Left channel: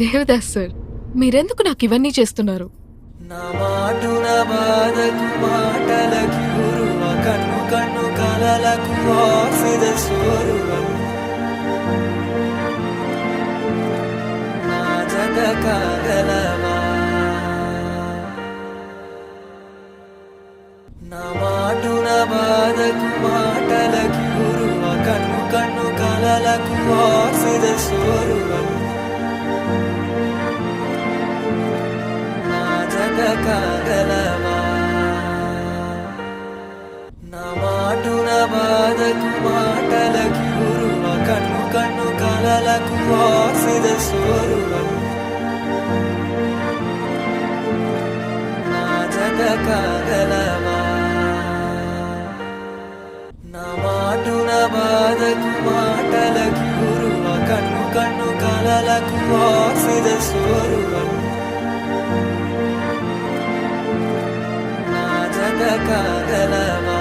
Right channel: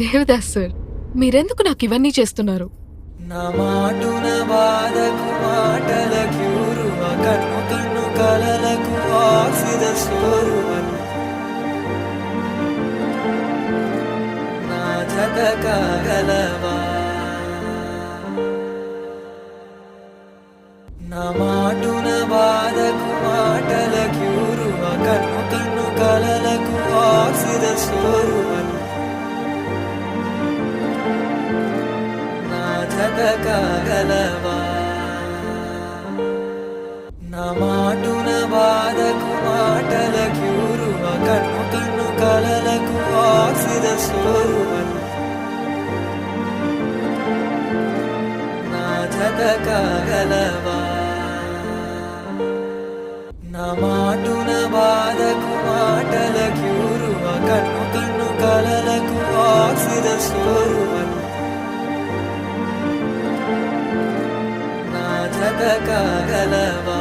Devdas sir, మీరెందుకు నాకు ఇవన్నీ చేస్తున్నారు? నా మాటున బాధకు మాటల క్యూరువ కన్ను కన్ను కలలకు ఆక్సిద సోరువ నా జత కాగలవా నా మాటున బాధకు మాటల క్యూరువ కన్ను కన్ను కలలకు ఆక్సిద సోరువ జత కాగలవా నా మాటున బాధకు మాటల క్యూరువ కన్ను కన్ను కలలకు ఆక్సిద సోరువ నా జత కాగలవా నా మాటున బాధకు మాటల క్యూరువ కన్ను కన్ను కలలకు ఆక్సిద సోరువ జత కాగలవా